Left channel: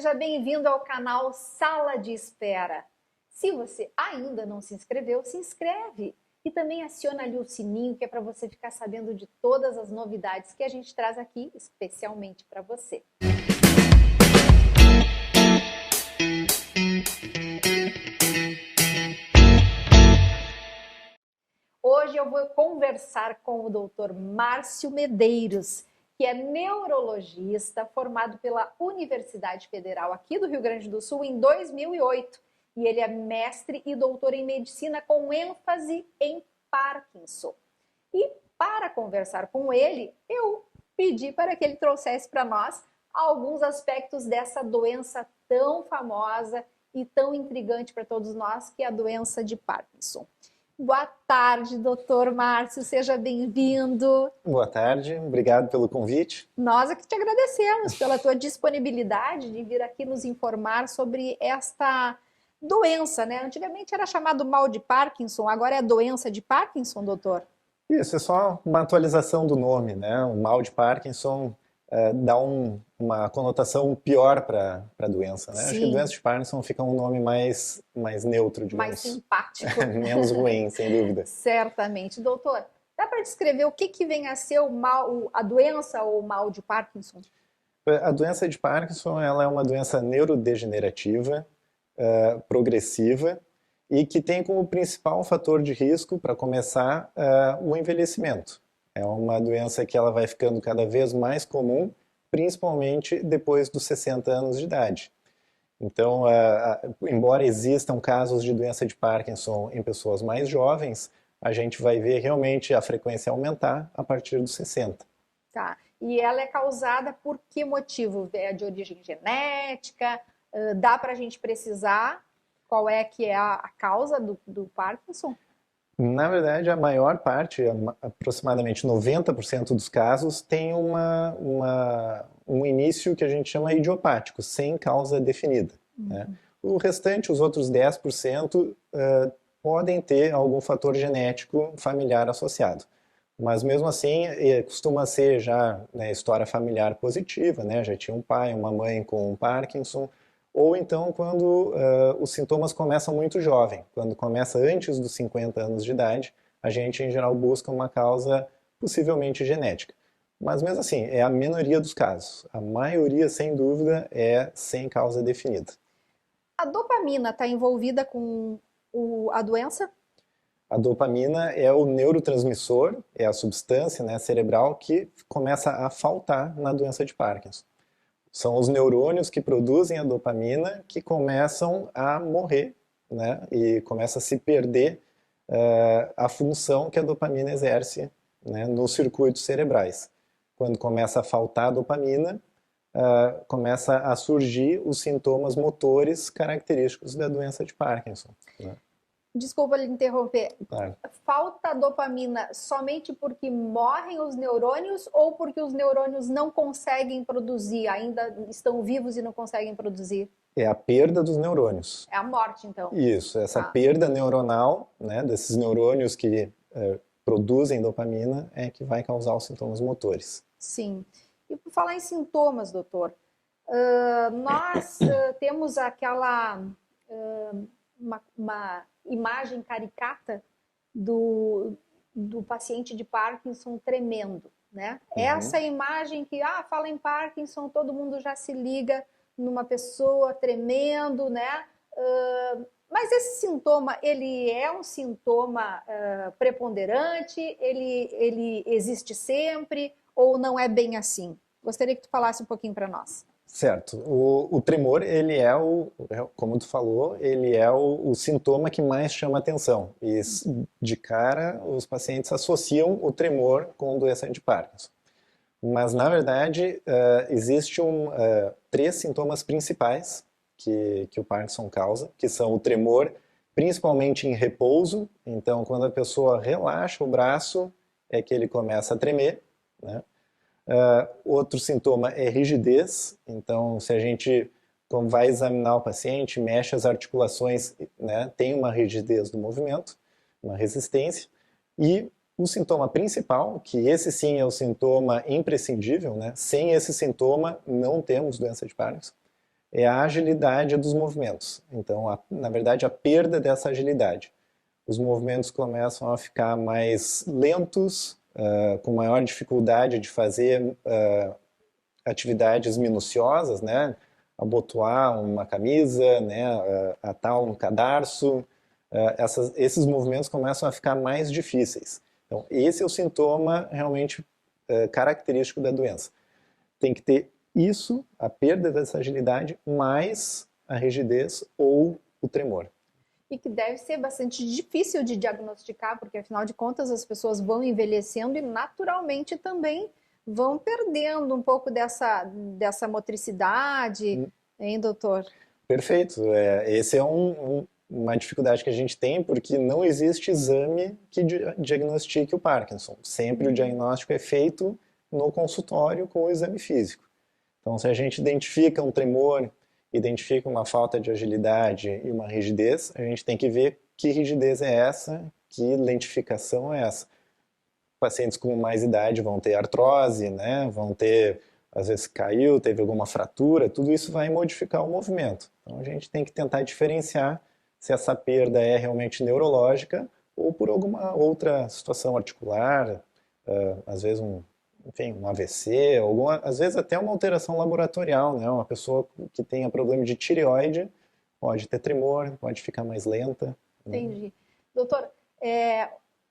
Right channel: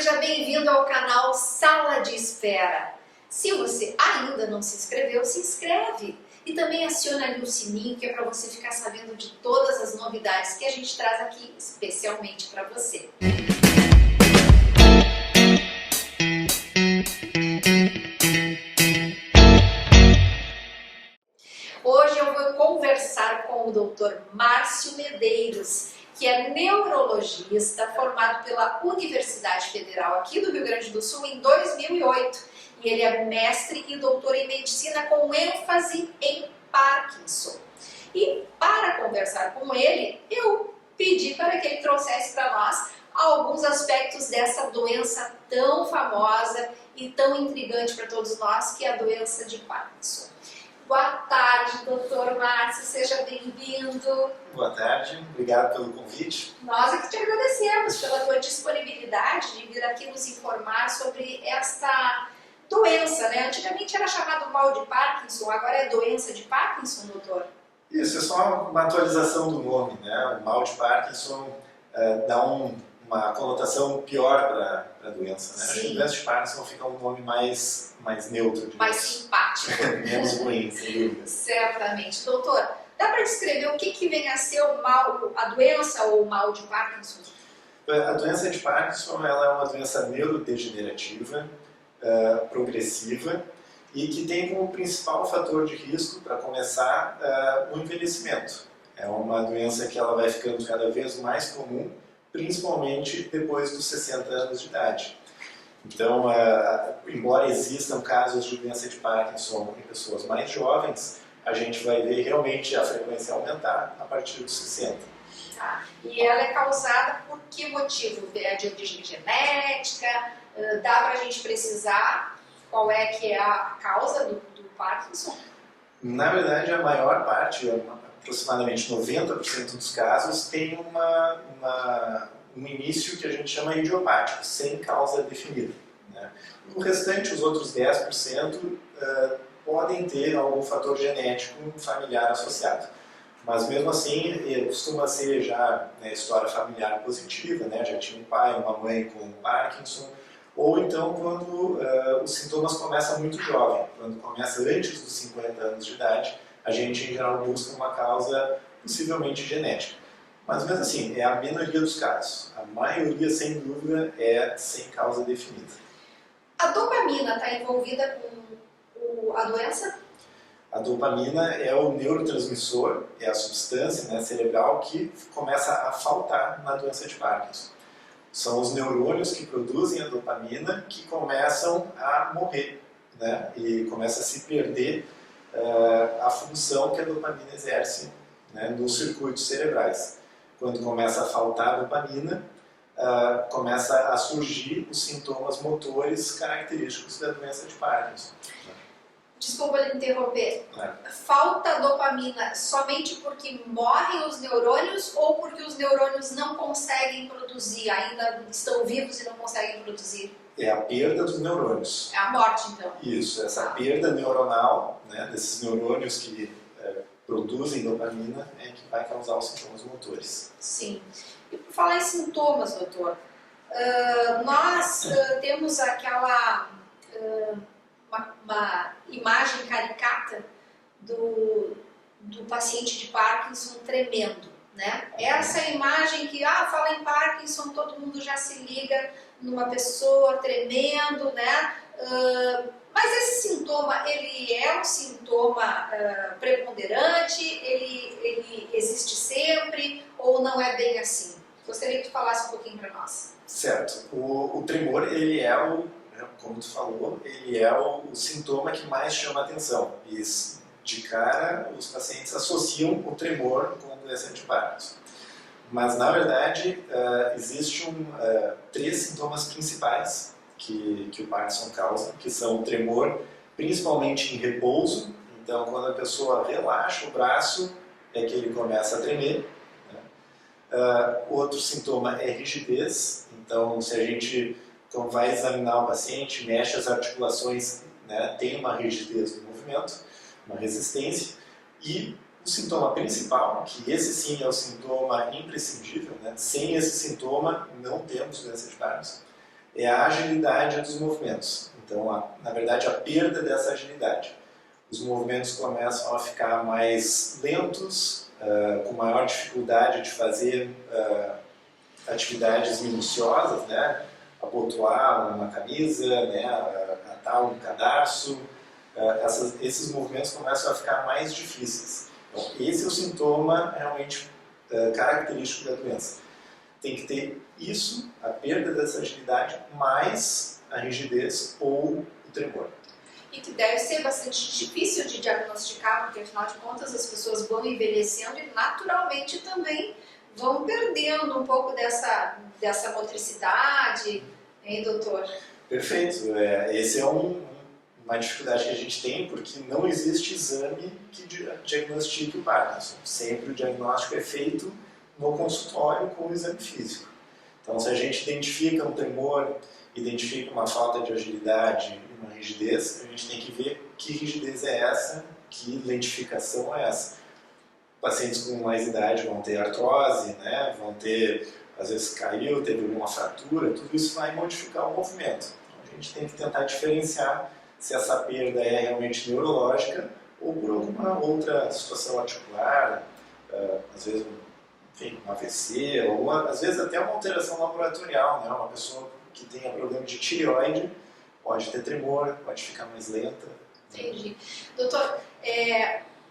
seja bem-vindo ao canal Sala de Espera. Se você ainda não se inscreveu, se inscreve e também aciona ali o sininho, que é para você ficar sabendo de todas as novidades que a gente traz aqui, especialmente para você. Hoje eu vou conversar com o Dr. Márcio Medeiros, que é neurologista, formado pela Universidade Federal aqui do Rio Grande do Sul em 2008. E ele é mestre e doutor em medicina com ênfase em Parkinson. E para conversar com ele, eu pedi para que ele trouxesse para nós alguns aspectos dessa doença tão famosa e tão intrigante para todos nós, que é a doença de Parkinson. Boa tarde, doutor Márcio, seja bem-vindo. Boa tarde, obrigado pelo convite. Nós é que te agradecemos pela tua disponibilidade de vir aqui nos informar sobre esta doença, né? Antigamente era chamado mal de Parkinson, agora é doença de Parkinson, doutor? Isso, é só uma atualização do nome, né? O mal de Parkinson dá uma conotação pior para a doença, né? Sim. Acho que a doença de Parkinson fica um nome mais neutro, digamos. Mais simpático. Menos ruim, sem dúvida. Certamente. Doutor, dá para descrever o que vem a ser a doença ou o mal de Parkinson? A doença de Parkinson ela é uma doença neurodegenerativa, progressiva, e que tem como principal fator de risco, para começar, o envelhecimento. É uma doença que ela vai ficando cada vez mais comum, principalmente depois dos 60 anos de idade. Então, embora existam casos de doença de Parkinson em pessoas mais jovens, a gente vai ver realmente a frequência aumentar a partir dos 60. Tá. E ela é causada por que motivo? É de origem genética? Dá para a gente precisar qual é que é a causa do Parkinson? Na verdade, a maior parte, aproximadamente 90% dos casos, tem um início que a gente chama idiopático, sem causa definida. Né? O restante, os outros 10%, podem ter algum fator genético familiar associado. Mas mesmo assim, costuma ser já história familiar positiva, né? Já tinha um pai, uma mãe com Parkinson, ou então quando os sintomas começam muito jovem, quando começa antes dos 50 anos de idade, a gente em geral busca uma causa possivelmente genética. Mas mesmo assim, é a minoria dos casos. A maioria, sem dúvida, é sem causa definida. A dopamina está envolvida com a doença? A dopamina é o neurotransmissor, é a substância cerebral que começa a faltar na doença de Parkinson. São os neurônios que produzem a dopamina que começam a morrer, né? E começa a se perder a função que a dopamina exerce, né, nos circuitos cerebrais. Quando começa a faltar a dopamina, começa a surgir os sintomas motores característicos da doença de Parkinson. Né? Desculpa lhe interromper. Falta dopamina somente porque morrem os neurônios ou porque os neurônios não conseguem produzir, ainda estão vivos e não conseguem produzir? É a perda dos neurônios. É a morte, então. Isso, essa perda neuronal, né, desses neurônios que produzem dopamina é que vai causar os sintomas motores. Sim. E por falar em sintomas, doutor, nós temos aquela... Uma imagem caricata do paciente de Parkinson tremendo, né? Uhum. Essa imagem que, fala em Parkinson, todo mundo já se liga numa pessoa tremendo, né? Mas esse sintoma, ele é um sintoma preponderante? Ele existe sempre ou não é bem assim? Gostaria que tu falasse um pouquinho para nós. Certo. O tremor, ele é como tu falou, ele é o sintoma que mais chama atenção. E de cara, os pacientes associam o tremor com doença de Parkinson. Mas, na verdade, existem 3 sintomas principais que o Parkinson causa, que são o tremor, principalmente em repouso. Então, quando a pessoa relaxa o braço, é que ele começa a tremer, né? Outro sintoma é rigidez. Então, se a gente vai examinar o paciente, mexe as articulações, né, tem uma rigidez no movimento, uma resistência. E o sintoma principal, que esse sim é o sintoma imprescindível, né, sem esse sintoma não temos doença de Parkinson, é a agilidade dos movimentos. Então, na verdade, a perda dessa agilidade. Os movimentos começam a ficar mais lentos, com maior dificuldade de fazer atividades minuciosas, né? Abotoar uma camisa, né? Atar um cadarço. Esses movimentos começam a ficar mais difíceis. Então, esse é o sintoma realmente característico da doença. Tem que ter isso, a perda dessa agilidade, mais a rigidez ou o tremor. E que deve ser bastante difícil de diagnosticar, porque afinal de contas as pessoas vão envelhecendo e naturalmente também vão perdendo um pouco dessa motricidade, hein, doutor? Perfeito. Esse é uma dificuldade que a gente tem, porque não existe exame que diagnostique o Parkinson. Sempre o diagnóstico é feito no consultório com o exame físico. Então, se a gente identifica um tremor, identifica uma falta de agilidade e uma rigidez, a gente tem que ver que rigidez é essa, que lentificação é essa. Pacientes com mais idade vão ter artrose, né? Vão ter, às vezes caiu, teve alguma fratura, tudo isso vai modificar o movimento. Então, a gente tem que tentar diferenciar se essa perda é realmente neurológica ou por alguma outra situação articular, às vezes um AVC, às vezes até uma alteração laboratorial, né? Uma pessoa que tenha problema de tireoide pode ter tremor, pode ficar mais lenta. Entendi. Doutor,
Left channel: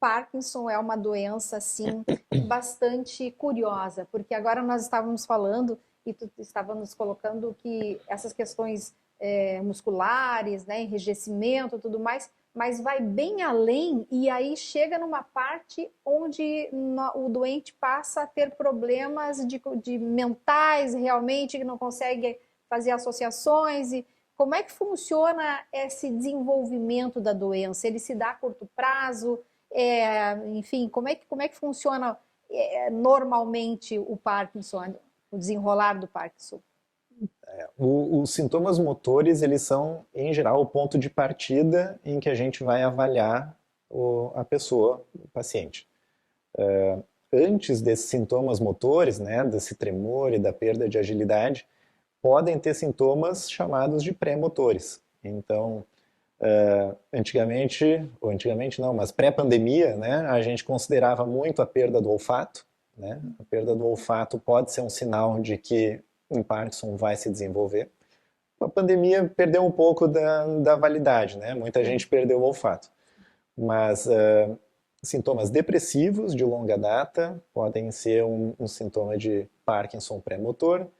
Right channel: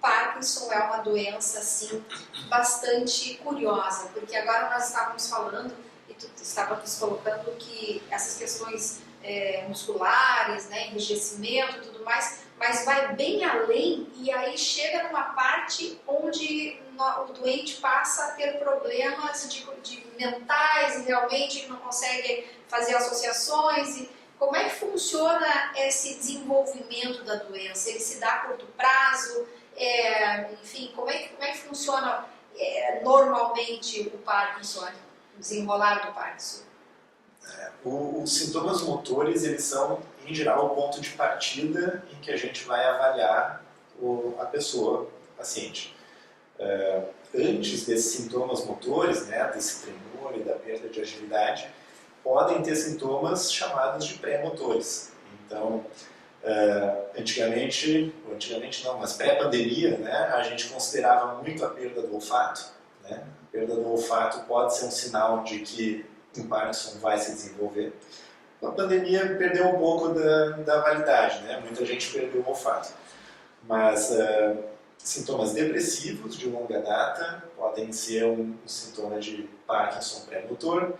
Parkinson é uma doença, assim, bastante curiosa, porque agora nós estávamos falando e tu estávamos colocando que essas questões musculares, né, enrijecimento e tudo mais, mas vai bem além e aí chega numa parte onde o doente passa a ter problemas de mentais realmente, que não consegue fazer associações. E como é que funciona esse desenvolvimento da doença? Ele se dá a curto prazo? Enfim, como é que funciona normalmente o Parkinson, o desenrolar do Parkinson? Os sintomas motores, eles são, em geral, o ponto de partida em que a gente vai avaliar a pessoa, o paciente. Antes desses sintomas motores, né, desse tremor e da perda de agilidade, podem ter sintomas chamados de pré-motores. Então, antigamente não, mas pré-pandemia, né, a gente considerava muito a perda do olfato, né? A perda do olfato pode ser um sinal de que um Parkinson vai se desenvolver. A pandemia perdeu um pouco da validade, né? Muita gente perdeu o olfato. Mas sintomas depressivos de longa data podem ser um sintoma de Parkinson pré-motor.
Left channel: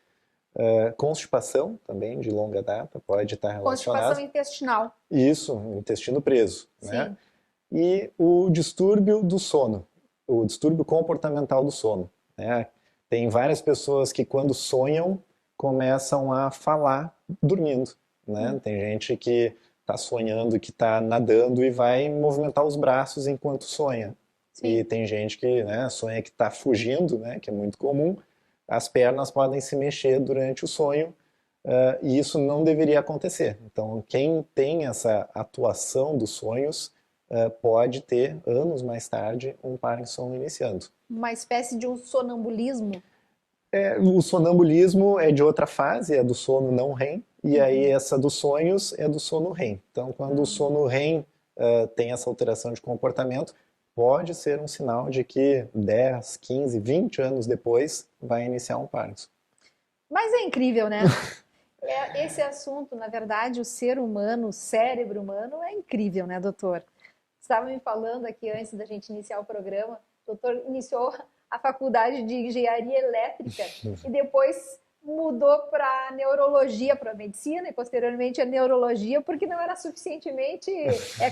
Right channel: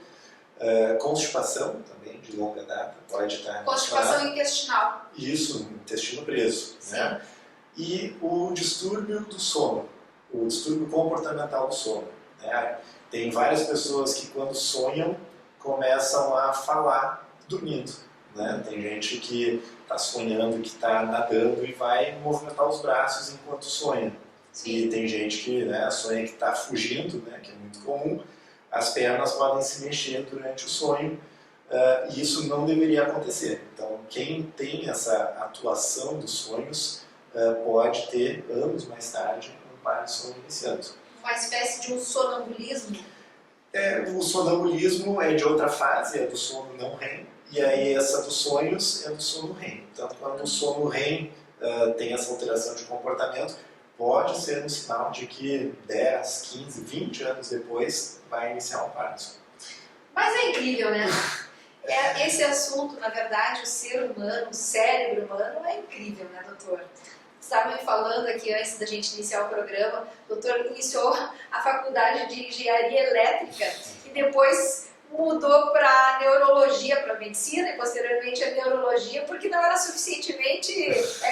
Constipação também de longa data pode estar relacionada. Constipação intestinal. Isso, intestino preso. Sim. Né? E o distúrbio do sono, o distúrbio comportamental do sono. Né? Tem várias pessoas que quando sonham começam a falar dormindo. Né? Tem gente que está sonhando, que está nadando e vai movimentar os braços enquanto sonha. Sim. E tem gente que, né, sonha que está fugindo, né, que é muito comum. As pernas podem se mexer durante o sonho e isso não deveria acontecer. Então, quem tem essa atuação dos sonhos pode ter, anos mais tarde, um Parkinson iniciando. Uma espécie de um sonambulismo? O sonambulismo é de outra fase, é do sono não REM, e aí essa dos sonhos é do sono REM. Então, quando o sono REM tem essa alteração de comportamento, pode ser um sinal de que 10, 15, 20 anos depois vai iniciar um Parkinson. Mas é incrível, né? Esse assunto, na verdade, o ser humano, o cérebro humano é incrível, né, doutor? Estava me falando aqui antes da gente iniciar o programa, o doutor iniciou a faculdade de engenharia elétrica e depois mudou para neurologia, para medicina e posteriormente a neurologia, porque não era suficientemente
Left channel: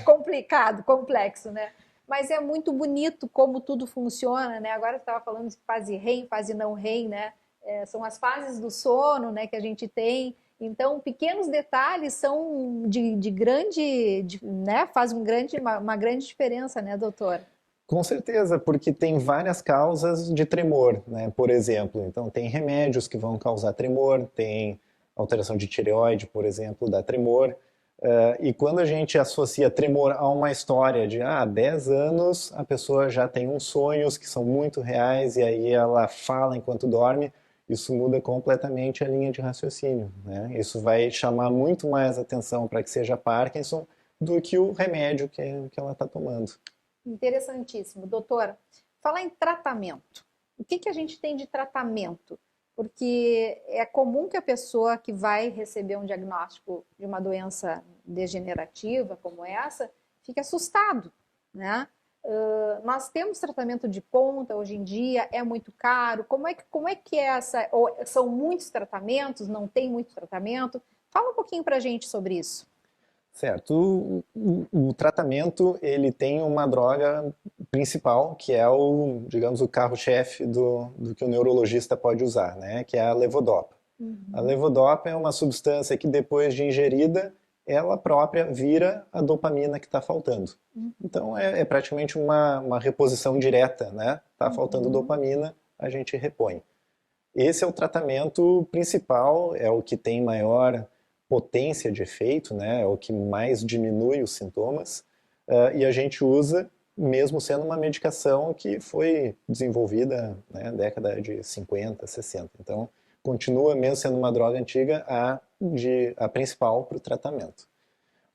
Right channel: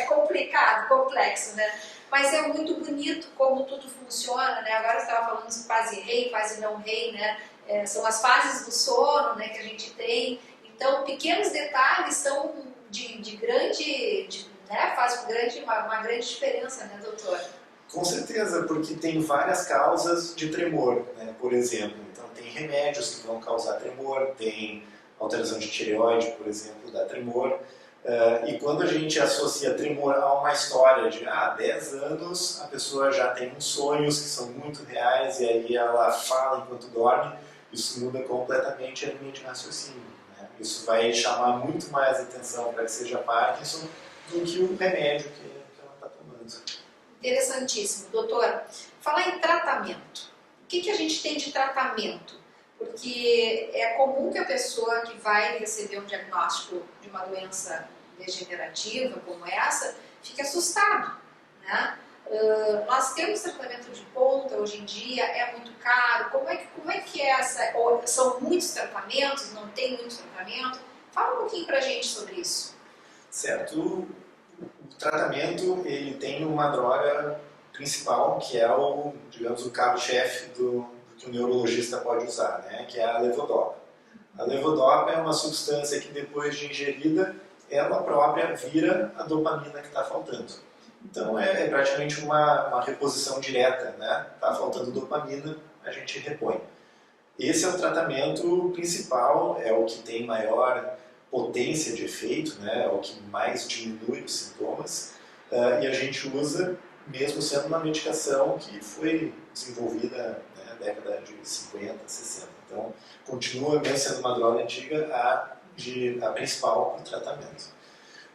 complicado, complexo, né? Mas é muito bonito como tudo funciona, né? Agora você estava falando de fase REM, fase não REM, né? São as fases do sono, né, que a gente tem. Então, pequenos detalhes são né, fazem uma grande diferença, né, doutor? Com certeza, porque tem várias causas de tremor, né? Por exemplo. Então, tem remédios que vão causar tremor, tem alteração de tireoide, por exemplo, dá tremor. E quando a gente associa tremor a uma história de 10 anos, a pessoa já tem uns sonhos que são muito reais e aí ela fala enquanto dorme, isso muda completamente a linha de raciocínio, né? Isso vai chamar muito mais atenção para que seja Parkinson do que o remédio que ela está tomando. Interessantíssimo. Doutor, falar em tratamento. O que a gente tem de tratamento? Porque é comum que a pessoa que vai receber um diagnóstico de uma doença degenerativa como essa fique assustado, né? Nós temos tratamento de ponta hoje em dia, é muito caro. Como é que é essa? Ou são muitos tratamentos? Não tem muito tratamento? Fala um pouquinho pra gente sobre isso. Certo. O tratamento, ele tem uma droga principal, que é o, digamos, o carro-chefe do que o neurologista pode usar, né? Que é a levodopa. A levodopa é uma substância que depois de ingerida, ela própria vira a dopamina que está faltando. Então é praticamente uma reposição direta, né? Está faltando dopamina, a gente repõe. Esse é o tratamento principal, é o que tem maior potência de efeito, né? É o que mais diminui os sintomas, e a gente usa mesmo sendo uma medicação que foi desenvolvida, né, na década de 50, 60. Então, continua mesmo sendo uma droga antiga a principal para o tratamento.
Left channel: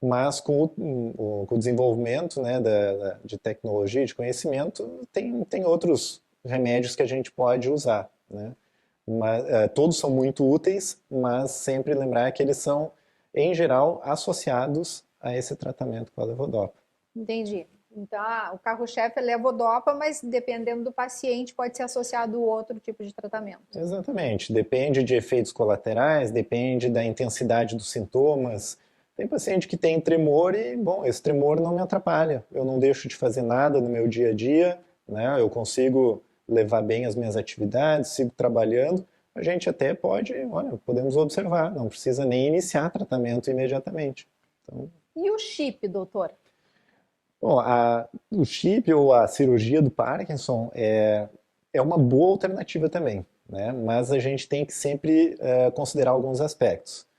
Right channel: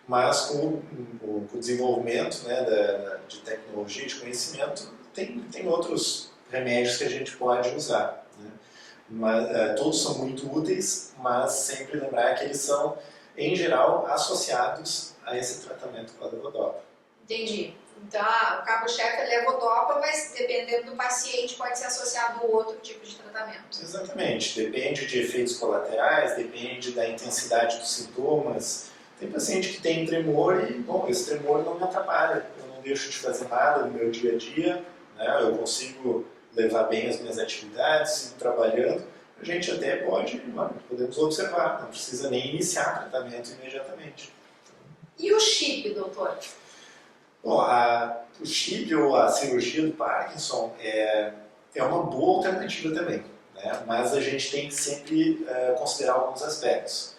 Mas com o desenvolvimento, né, de tecnologia, de conhecimento, tem outros remédios que a gente pode usar, né? Todos são muito úteis, mas sempre lembrar que eles são, em geral, associados a esse tratamento com a levodopa. Entendi. Então, o carro-chefe é levodopa, mas dependendo do paciente pode ser associado a outro tipo de tratamento. Exatamente. Depende de efeitos colaterais, depende da intensidade dos sintomas. Tem paciente que tem tremor e, bom, esse tremor não me atrapalha. Eu não deixo de fazer nada no meu dia a dia, né? Eu consigo levar bem as minhas atividades, sigo trabalhando. A gente até podemos observar, não precisa nem iniciar tratamento imediatamente. Então, e o chip, doutor? Bom, o chip ou a cirurgia do Parkinson é uma boa alternativa também, né? Mas a gente tem que sempre considerar alguns aspectos.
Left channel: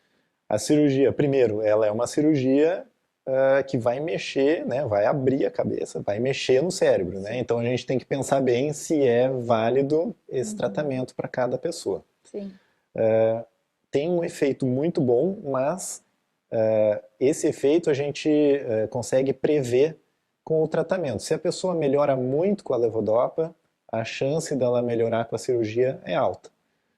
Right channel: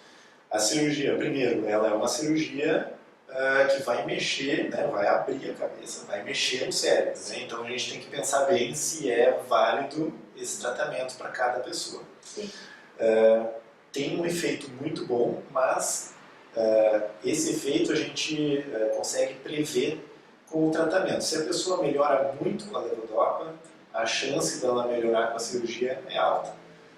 A cirurgia, primeiro, ela é uma cirurgia que vai mexer, né? Vai abrir a cabeça, vai mexer no cérebro, né? Então a gente tem que pensar bem se é válido esse tratamento para cada pessoa. Sim. Tem um efeito muito bom, mas esse efeito a gente consegue prever com o tratamento. Se a pessoa melhora muito com a levodopa, a chance dela melhorar com a cirurgia é alta.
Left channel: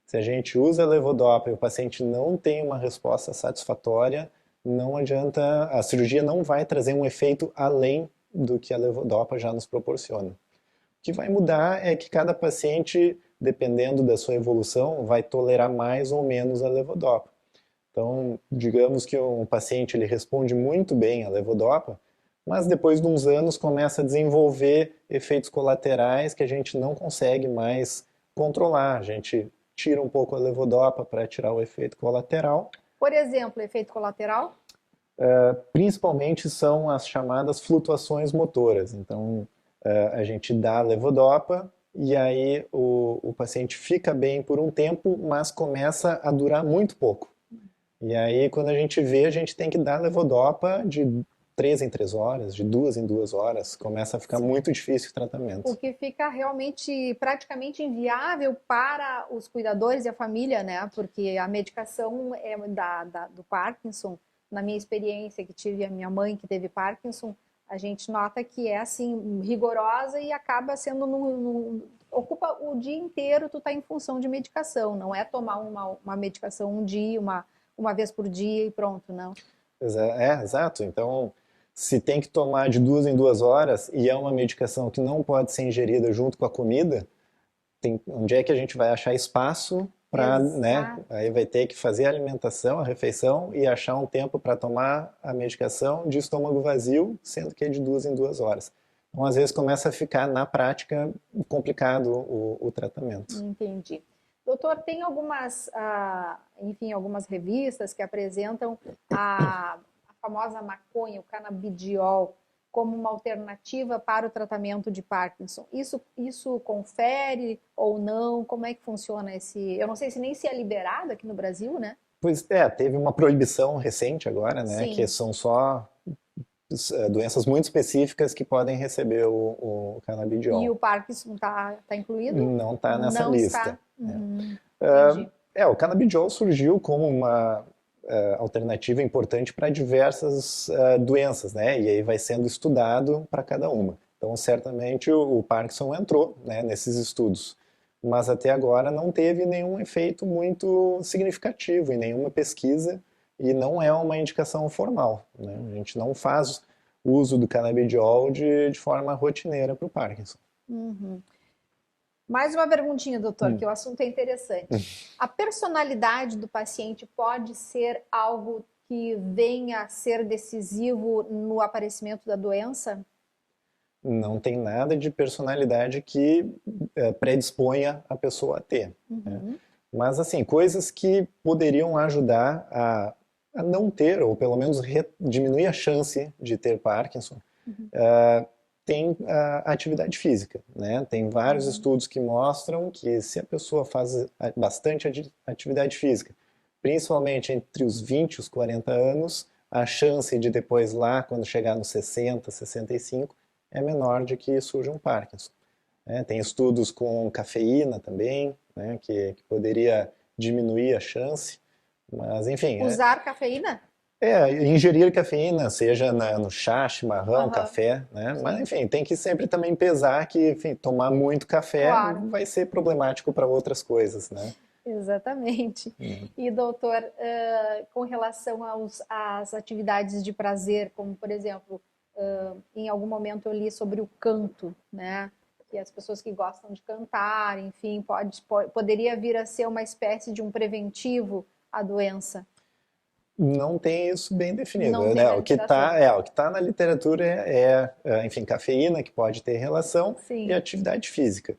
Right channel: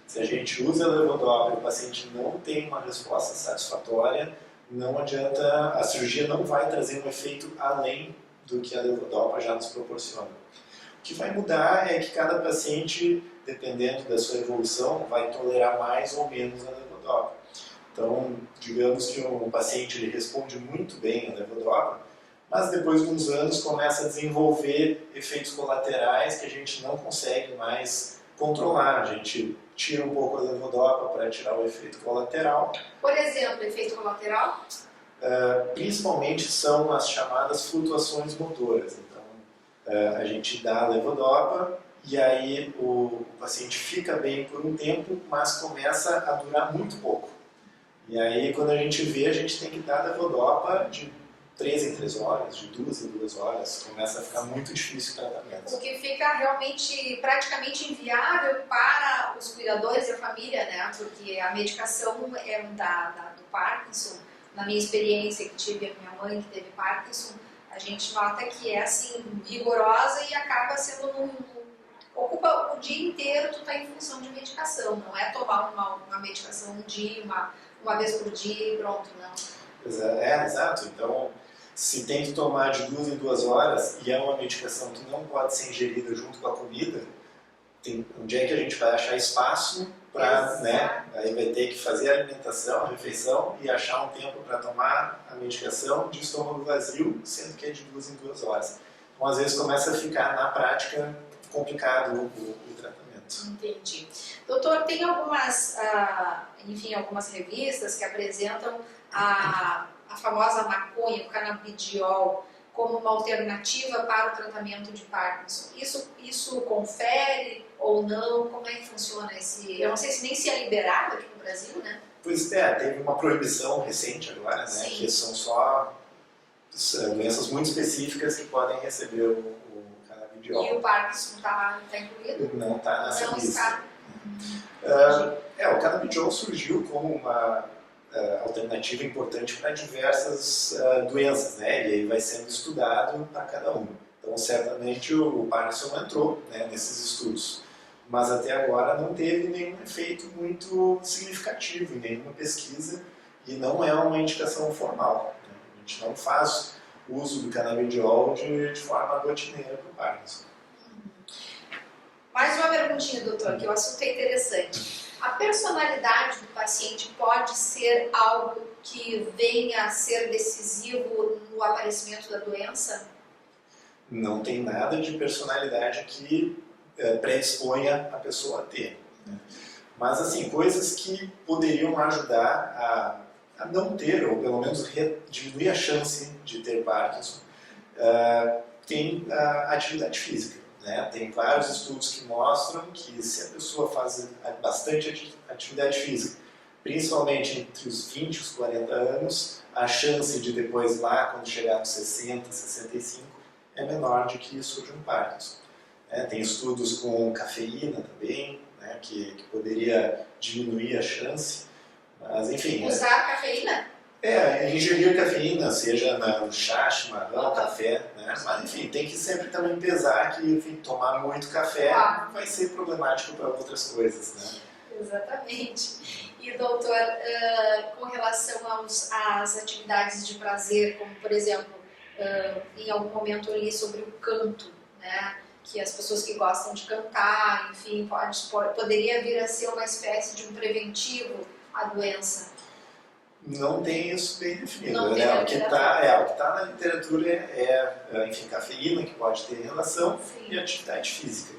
Se a gente usa a levodopa e o paciente não tem uma resposta satisfatória, não adianta, a cirurgia não vai trazer um efeito além do que a levodopa já nos proporciona. O que vai mudar é que cada paciente, dependendo da sua evolução, vai tolerar mais ou menos a levodopa. Então, digamos que um paciente ele responde muito bem à levodopa, mas depois de uns anos começa a desenvolver efeitos colaterais que a gente não consegue mais controlar. A gente tira um pouco a levodopa para tirar o efeito colateral. Por exemplo, efeito colateral? Principalmente são as chamadas flutuações motoras. Então, a gente dá a levodopa e aí o paciente fica bem por um tempo, mas começa a durar muito pouco. E aí, quando a gente vê, a gente tem que dar a levodopa de 3 em 3 horas, de 2 em 2 horas, começa a ficar muito difícil o tratamento. O que fica realmente praticamente inviável para os cuidadores e a família, né? Porque a medicação do Parkinson, na minha experiência que tive, a minha mãe que teve Parkinson, a gente nota que é assim, rigorosa e acaba sendo ocupa o dia inteiro, tu tá em função de medicação, não é tomar uma medicação um dia, uma vez por dia e pronto, não. Exato. Então, se tem que tomar de 2 em 2 horas e é uma medicação que não pode ser ingerida junto com a comida, onde é que a gente vai achar espaço para, né? Aí vai ter que fazer a alimentação, a refeição e achar um tempo para tomar a medicação de estômago vazio, sendo que é de 2 em 2 horas. Então, às vezes, começa a ficar, na prática, complicado o tratamento. Entendi. Doutor, tem algumas revistas que apresentam a famosa maconha, o canabidiol, como uma alternativa para o tratamento de Parkinson. Isso confere ou não? Como é que funciona esse... Eu não sei se nem se é liberado aqui no Brasil, né? Pois é, teve uma proibição recente agora, né? Sim. Que são só doenças muito específicas que podem receber o canabidiol. E o Parkinson tá incluído? Não está nessa lista. Está. O canabidiol surgiu como uma alternativa importante para diversas doenças, né? E aí vai sendo estudado para cada uma. Então, certamente o Parkinson entrou, né, nesses estudos, mas até agora não teve nenhum efeito muito significativo em nenhuma pesquisa e não é uma indicação formal, né? A gente não faz uso do canabidiol de forma rotineira para o Parkinson. Mais uma perguntinha, doutor, que o assunto é interessante. A personalidade do paciente pode ser algo que venha a ser decisivo no aparecimento da doença? Não tem nada de personalidade que predisponha a pessoa a ter. Né? Mas, assim, coisas que poderiam ajudar a não ter, ou pelo menos diminuir a chance de ter Parkinson, tem a atividade física. Né? Tem vários estudos que mostram que se a pessoa faz bastante atividade física, principalmente entre os 20 e os 40 anos, a chance de depois lá, quando chegar nos 60, 65, é menor de que surja um Parkinson. Tem estudos com cafeína também, né, que poderia diminuir a chance, mas enfim... Usar cafeína? Ingerir cafeína, seja no chá, chimarrão, café, né? Mas enfim, tem que sempre também pesar que, enfim, tomar muito café vai ser problemático para outras coisas, né? Exatamente. E doutor, com relação às atividades de prazer, como por exemplo, em algum momento eu li sobre o canto, né? Que as pessoas que gostam de cantar, enfim, poderia vir a ser uma espécie de um preventivo à doença. Não tem isso bem definido. Não Né? tem O que está na literatura enfim, cafeína, que pode ter relação, Sim. E atividade física.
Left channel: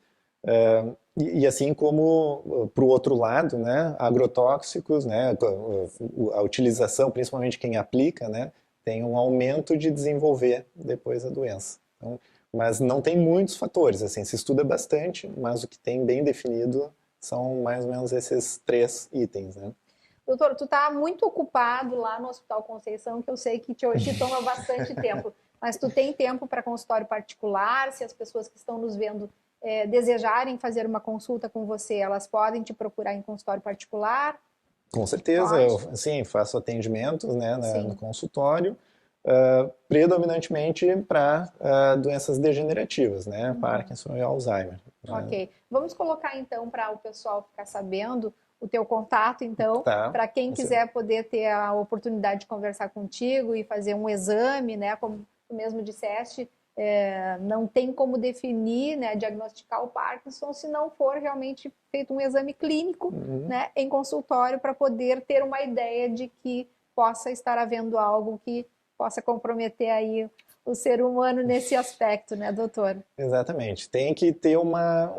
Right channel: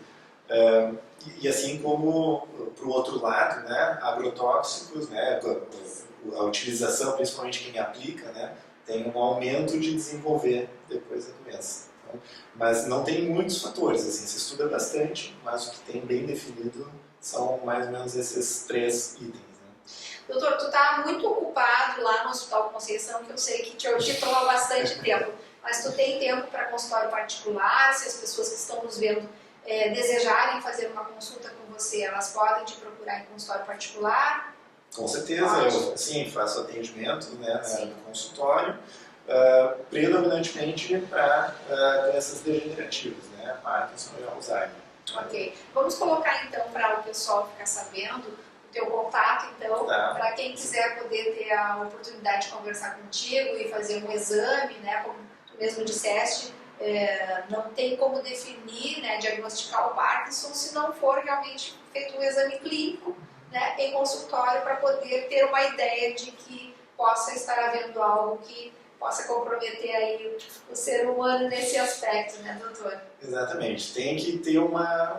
E assim como, para o outro lado, né, agrotóxicos, né, a utilização, principalmente quem aplica, né, tem um aumento de desenvolver depois a doença. Então, mas não tem muitos fatores, assim, se estuda bastante, mas o que tem bem definido são mais ou menos esses 3 itens. Né? Doutor, tu tá muito ocupado lá no Hospital Conceição, que eu sei que te toma bastante tempo, mas tu tem tempo para consultório particular? Se as pessoas que estão nos vendo desejarem fazer uma consulta com você, elas podem te procurar em consultório particular? Com certeza, eu faço atendimento, né, no consultório, predominantemente para doenças degenerativas, né, Parkinson e Alzheimer. Ok, vamos colocar então para o pessoal ficar sabendo o teu contato, então, para quem quiser poder ter a oportunidade de conversar contigo e fazer um exame, né, como tu mesmo disseste, não tem como definir, né, diagnosticar o Parkinson se não for realmente feito um exame clínico, né, em consultório, para poder ter uma ideia de que possa estar havendo algo que possa comprometer aí o ser humano nesse aspecto, né, doutor? Exatamente, tem que ter uma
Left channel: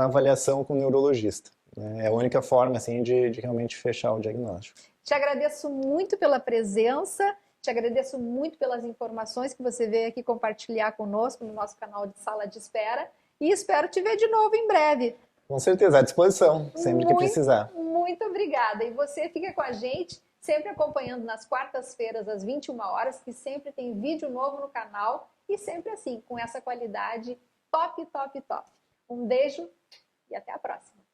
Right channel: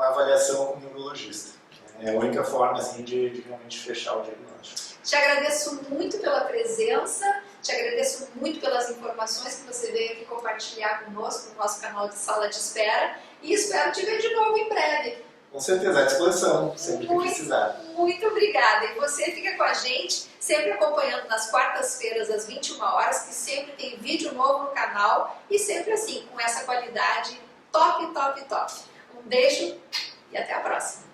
avaliação com o neurologista. É a única forma, assim, de realmente fechar o diagnóstico. Te agradeço muito pela presença, te agradeço muito pelas informações que você veio aqui compartilhar conosco no nosso canal de Sala de Espera e espero te ver de novo em breve. Com certeza, à disposição, sempre que precisar. Muito obrigada. E você fica com a gente, sempre acompanhando nas quartas-feiras às 21 horas, que sempre tem vídeo novo no canal e sempre assim, com essa qualidade top, top, top. Um beijo e até a próxima.